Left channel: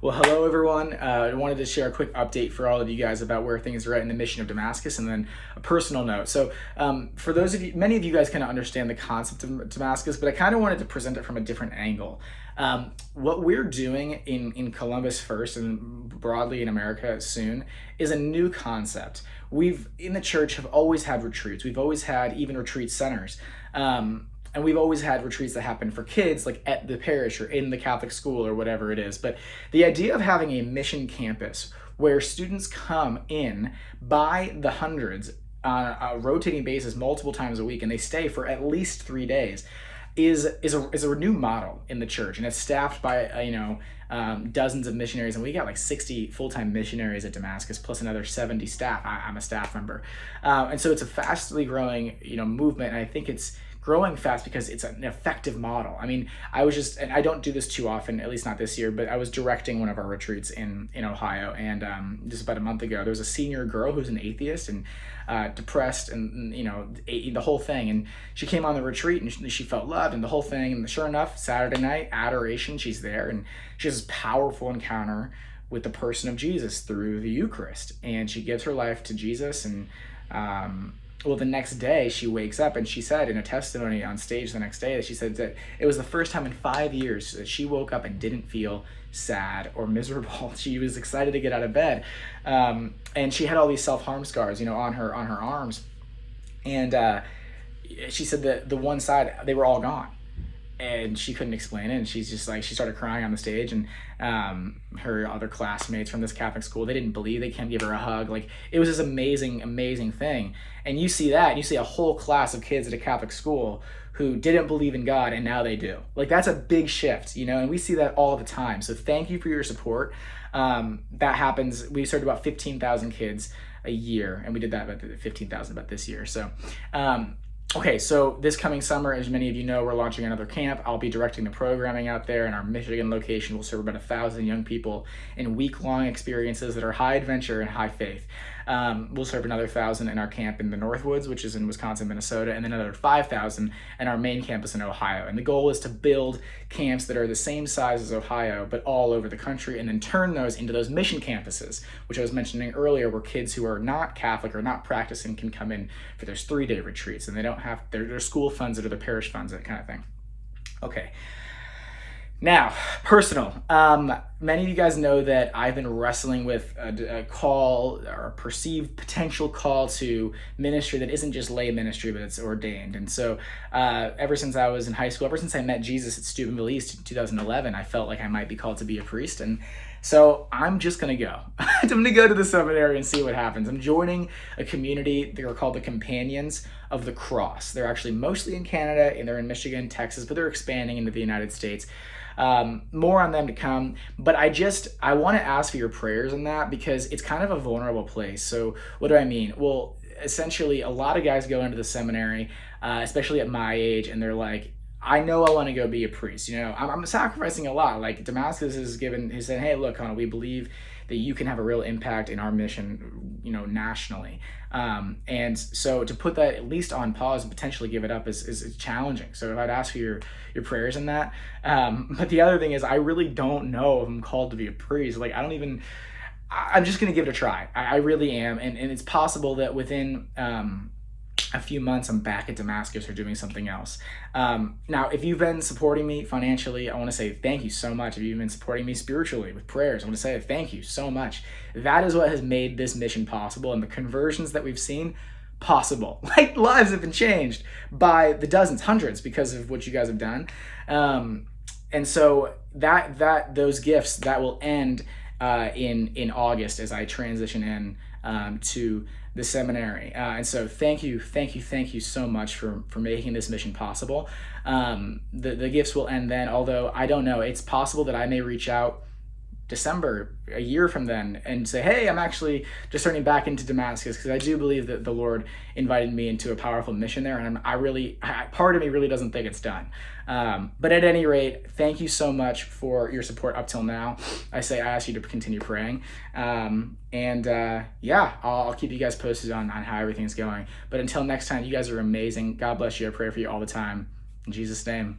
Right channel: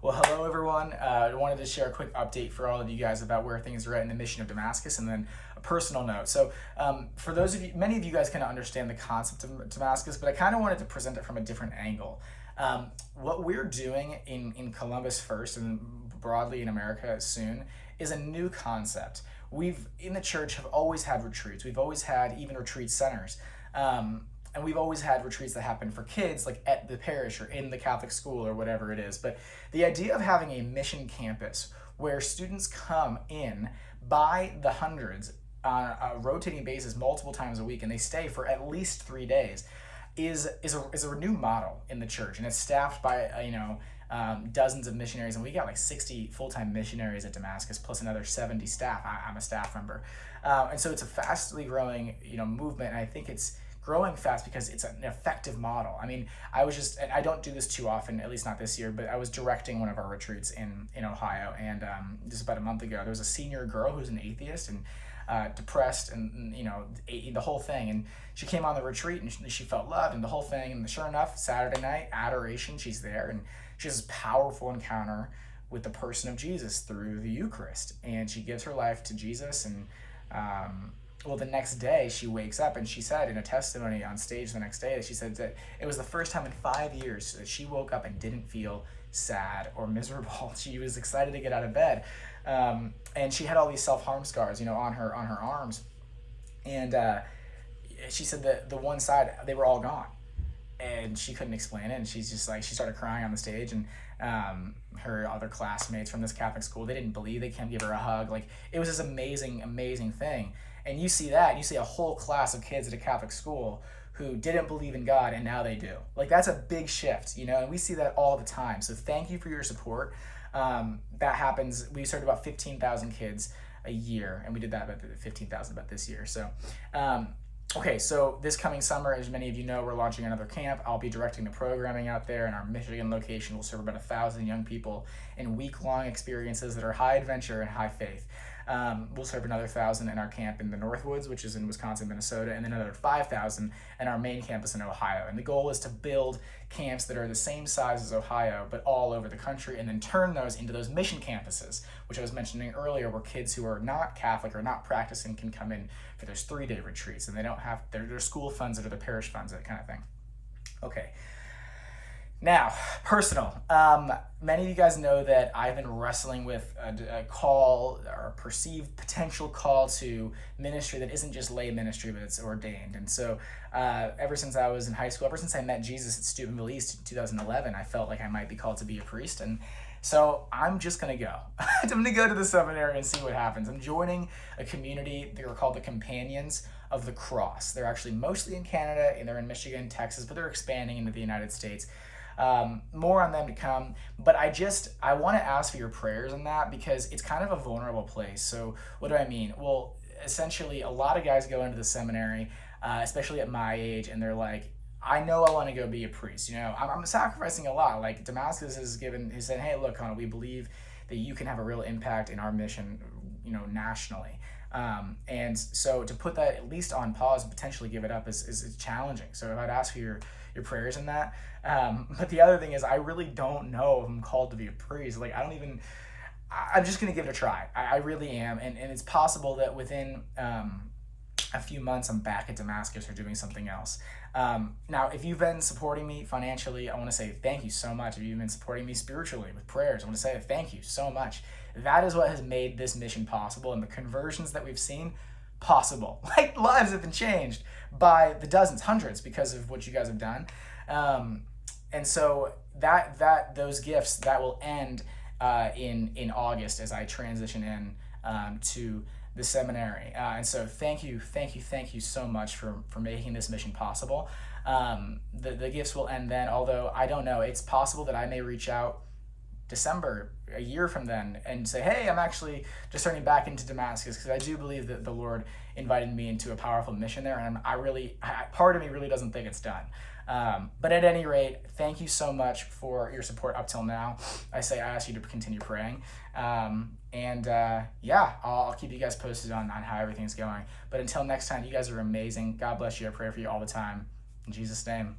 Well, hello everyone. I wanted to share a quick update for all of you guys about where things are at in the mission of Damascus, and then a personal note. So, for those of you, many of you guys kind of understand the concept of Damascus, but I kind of wanted to present it from a different angle. What we're doing in Columbus first, and broadly in America soon, is a new concept. We've in the church have always had retreats. We've always had even retreat centers. And we've always had retreats that happen for kids, like at the parish or in the Catholic school or whatever it is. But the idea of having a mission campus where students come in by the hundreds on a rotating basis multiple times a week, and they stay for at least 3 days, is a new model in the church, and it's staffed by dozens of missionaries, and we got like 60 full-time missionaries at Damascus plus another 70 staff. I'm a staff member, and so it's a fastly growing movement, and I think it's growing fast because it's an effective model. I mean, and I don't do this too often, at least not this year, but I was directing one of our retreats in Ohio, and just about a month ago, there was a senior girl who's an atheist and depressed, and the whole thing, and she came on the retreat and she felt loved and the whole thing, and sure enough, Saturday night, adoration, she's there, and she has this powerful encounter with the person of Jesus through the Eucharist, and she gives her life to Jesus, and well, the next day she wakes up, and she said in a testimony on stage the next day that she said that it was the first time in 5 years that she woke up and didn't feel sad or miserable. She was excited to get out of bed, and she had all these self-harm scars, on her arms, and she said that the one side, they were all gone, and she couldn't explain it, and she's just like, she started crying on the stage, and her other classmates from this Catholic school, they didn't believe, they can't give her a hug. Like, it was this amazing thing. And you see that, and you see a whole class of kids at a Catholic school who didn't believe in God, and now they do. Like, that's a big shift, and we see that all the time. So thank you for your support. That happens. We served about 15,000 kids a year, and we did that about 15,000 about this year. So okay, so this coming summer, as many of you know, we're launching another camp. I'll be directing the programming out there, and our Michigan location will serve about 1,000 young people in week-long experiences that are high adventure and high faith. We'll serve another 1,000 in our camp in the Northwoods, which is in Wisconsin, Minnesota, and then another 5,000 in our main campus in Ohio. And the goal is to build camps that are the same size as Ohio, but all over the country, and then turn those into those mission campuses, which I was mentioning earlier, where kids who are not Catholic or not practicing can come in for those 3-day retreats, and they don't have their school funds or their parish funds, that kind of thing. Okay. Now, personal. Many of you guys know that I've been wrestling with a call, or a perceived potential call to ministry that isn't just lay ministry, but it's ordained. And so ever since I was in high school, ever since I met Jesus at Steubenville East in 2011, I felt like I might be called to be a priest. And so I'm just going to go. I'm going to go to the seminary and see what happens. I'm joining a community. They're called the Companions of the Cross. They're actually mostly in Canada, and they're in Michigan, Texas, but they're expanding into the United States. More on them to come, but I want to ask for your prayers on that, because it's kind of a vulnerable place. So what do I mean? Well, essentially, a lot of guys go into the seminary, especially at my age, and they're like, I know I want to go be a priest. I'm sacrificing a lot. Like, Damascus he said, hey, look, Connell, we believe that you can have a real impact in our mission, nationally. And so to put that at least on pause and potentially give it up is challenging. So I'd ask for your prayers in that. But the other thing is, I really don't know if I'm called to be a priest. Like, I'm just going to give it a try. I really am. And it's possible that within a few months I'm back at Damascus or doing something else. Now, if you've been supporting me financially, I want to say thank you so much. If you've been supporting me spiritually with prayers, I want to say thank you so much. That is what has made this mission possible, and the conversions that we've seen possible. Like, lives have been changed by the dozens, hundreds, because of what you guys have done. And so those gifts that will end in August as I transition in to the seminary. And so thank you so much for making this mission possible. The gifts will end then, although I don't know. It's possible that I may reach out December, a year from then, and say, hey, I'm actually just turning back into Damascus, because I do believe that the Lord invited me into a powerful mission there, and part of me really doesn't think it's done. But at any rate, thank you so much for your support up till now. I ask you to continue praying. Yeah, I'll keep you guys posted on how everything's going. But until next time, you guys are amazing. God bless you. I pray for you all the time. In Jesus' name.